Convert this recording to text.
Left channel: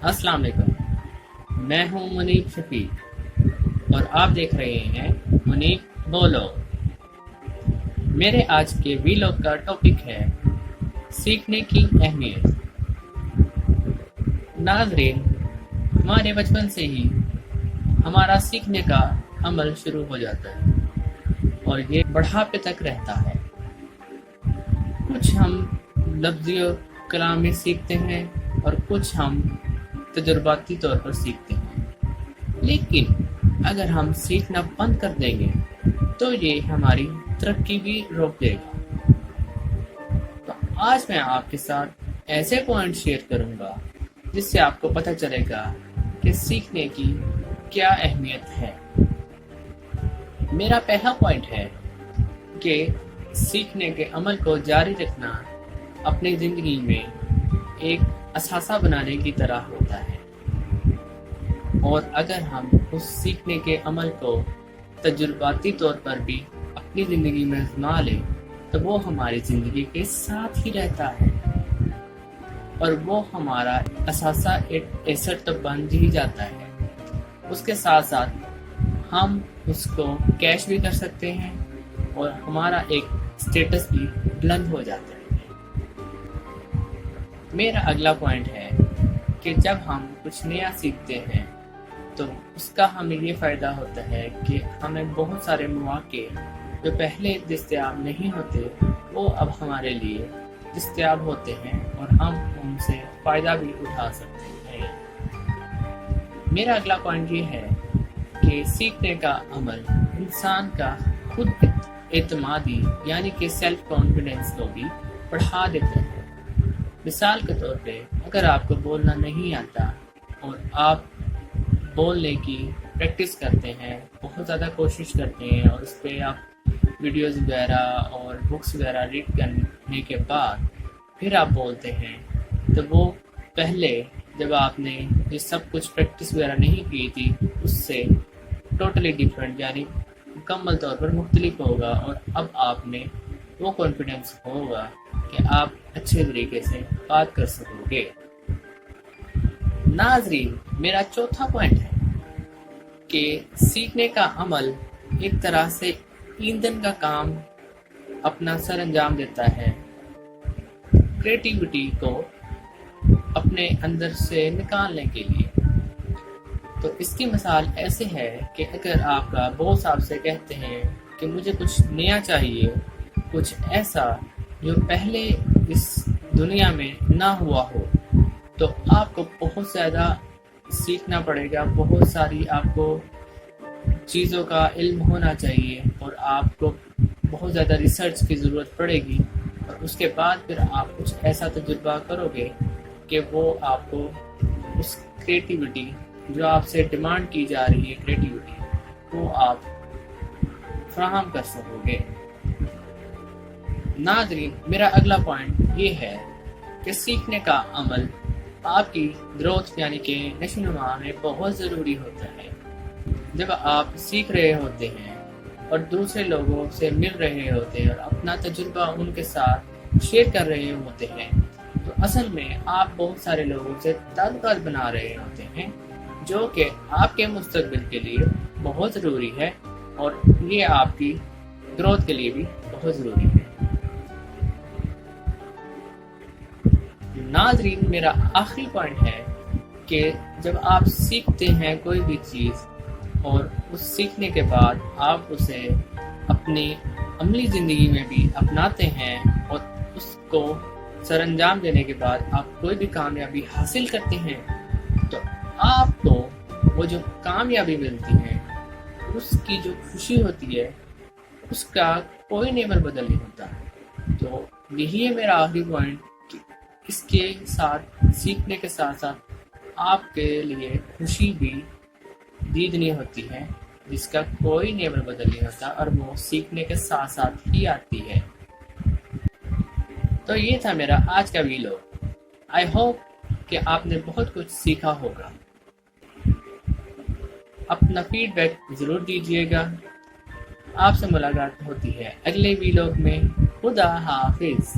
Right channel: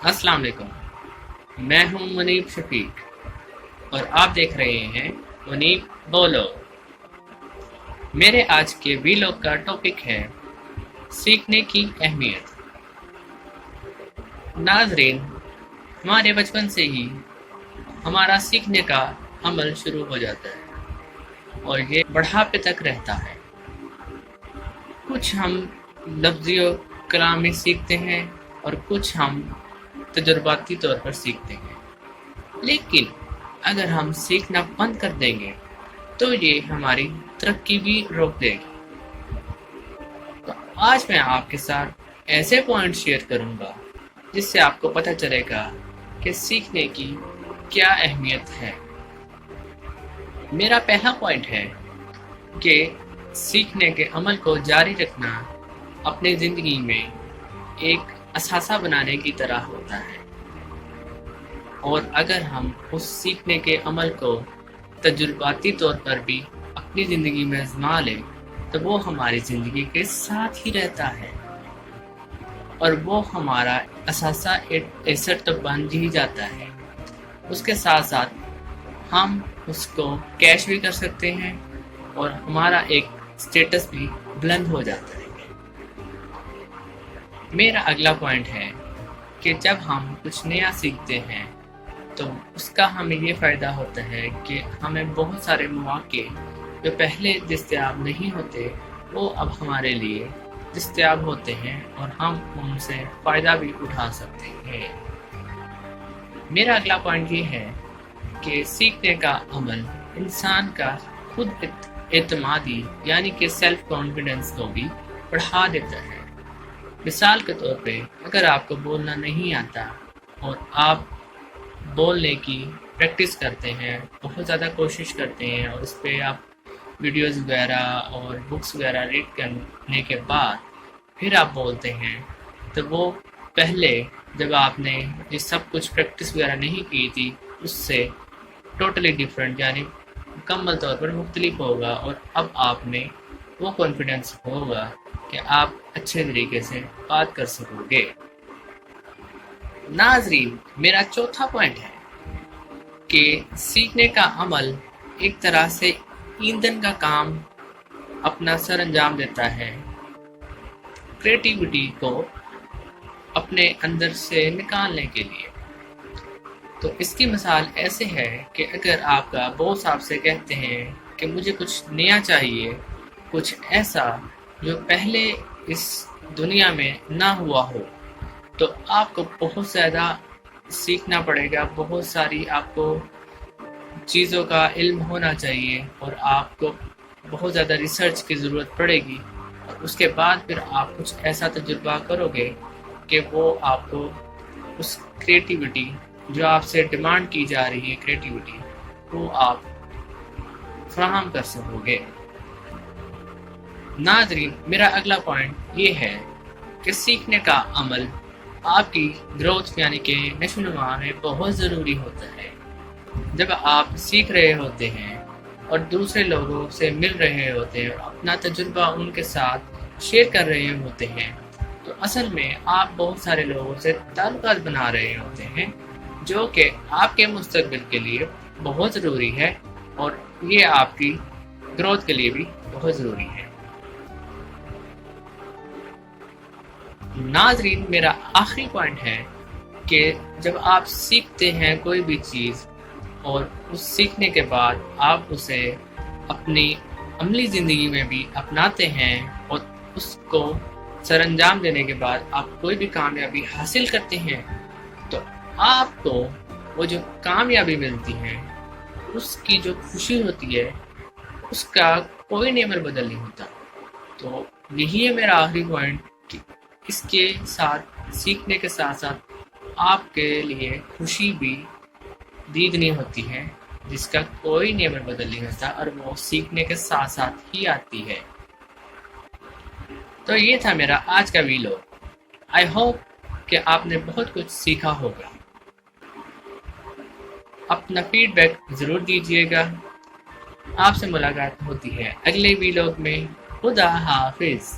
अस्सलाम वालेकुम। मैं हूं मुनीब शफीक और आप देख रहे हैं मुनीब बोलो। मेरे आज के वीलॉग का टॉपिक है सीखने की अहमियत। नाजरीन, हमारे बचपन से ही हमारा सीखने का अमल शुरू हो जाता है और ये बढ़ापे तक रहता है। कुछ हम लफ्ज़ी कलाम में सीखते हैं और कुछ हम तजुर्बाती तौर पर सीखते हैं, लेकिन अगर हम सीखना बंद कर देंगे तो ये हमारी तरक्की भी रोक देगा। तो आज मैं आपके साथ ऐसे पॉइंट शेयर करूंगा जिससे आपको पता चलेगा कि सीखने की क्या अहमियत है। मेरा पहला पॉइंट है कि सीखने के अमल को जारी रखना अपनी ज़िंदगी में एक असासा बनाने की तरह होता है, और अगर हम उस सीखने के अमल को तजुर्बाती तौर पर भी अपनी ज़िंदगी में आजमा लें तो वो हमारी ज़िंदगी के साथ ही रहता है और वो हमारा असासा एसेट तो बन ही जाता है। उसके साथ साथ हम उसको कैश भी कर सकते हैं और हमारा एक स्टेटस भी बुलंद हो जाता है। मेरा अगला पॉइंट है कि जब हम कुछ नया सीखते हैं तो उसका हमें ये फ़ायदा होता है कि हमें बहुत सारे मौके जो पहले दस्तयाब नहीं होते वो अब हमारे लिए दस्तयाब होते हैं और हम उनसे फ़ायदा भी उठा सकते हैं। मेरा अगला पॉइंट ये है कि सीखने का अमल इंसान का खुद एतमादी यानी कि सेल्फ कॉन्फिडेंस को भी बढ़ा देता है। मिसाल के तौर पे अगर आपको बोलना नहीं आता और आप बोलने की प्रैक्टिस करते हैं, बहुत ज़्यादा कोशिश करते हैं और उस पर आप वीडियोस वगैरह और बुक्स वगैरह रीड करने के बाद फिर आप बोलते हैं, तो वो पहले जब आपने ये सब कुछ प्रैक्टिस वगैरह नहीं की थी उससे टोटली डिफरेंट यानी मुकम्मल तौर पर मुख्तलिफ होगा और अब आप में वो कॉन्फिडेंस होगा कि आप अच्छे तरीके से बात कर सकोगे। नाजरीन, मेरा चौथा पॉइंट है कि सीखने का अमल एक तरह से ईंधन का काम अपना सर अंजाम देता है, क्रिएटिविटी को अपने अंदर से निकालने के लिए। तो इसकी मिसाल ऐसे है कि अगर आपका बॉस आपसे कहते हैं कि मुझे कुछ नया चाहिए, कुछ ऐसा जो पहले इस दुनिया में ना हुआ हो, तो आपको बहुत ज़्यादा सीखना पड़ेगा, बहुत सारी आपको चीज़ों का इल्म होना चाहिए और आपको बहुत ज़्यादा रिसर्च की ज़रूरत पड़ेगी और उसके बाद फिर आप कुछ ऐसा तजुर्बा करोगे कि वो आपको उस क्रिएटिविटी जो आपसे डिमांड की जा रही है क्रिएटिविटी वो आप फराहम कर सकोगे। नाज़रीन, मेरा अगला पॉइंट ये है कि सीखने का अमल आपकी ग्रोथ यानी कि नशोनुमा में बहुत ज़रूरी होता है। जब आप सीख रहे होते हैं और दूसरे लोगों से मिल रहे होते हैं और अपना तजुर्बा उनके साथ शेयर कर रहे होते हैं, तो असल में आप बहुत सारे लोगों से ताल्लुकात बना रहे होते हैं जो कि आपके मुस्तकबिल के लिए बहुत ज़रूरी है और ये आपकी ग्रोथ के लिए भी बहुत ज़रूरी है। नाजरीन, मेरा आखिरी पॉइंट है कि जब आप सीखते हैं कोई भी चीज़ और उस सीखने के बाद आप उसे अपनी अमली ज़िंदगी में भी अपनाते हैं और उसको सरअंजाम देने के बाद आप कोई भी कामयाबी हासिल करते हैं, तो आपको वो जो कामयाबी मिलती है उसकी जो खुशी होती है उसका कोई नेमर बदल नहीं होता। तो यही है मेरा आखिरी पॉइंट कि इसके साथ सीखने के साथ साथ आपके लिए खुशी भी दीदनी होती है जिसका कोई नेमर बदल नहीं होता और वो सीखने के साथ साथ ही आती है। तो ये था मेरा आज का वीडियो। आई होप कि आपने बहुत कुछ सीखा होगा। अपना फीडबैक ज़रूर दीजिएगा। आपसे मुलाकात होती है अगले वीडियो में। खुदा हाफिज़।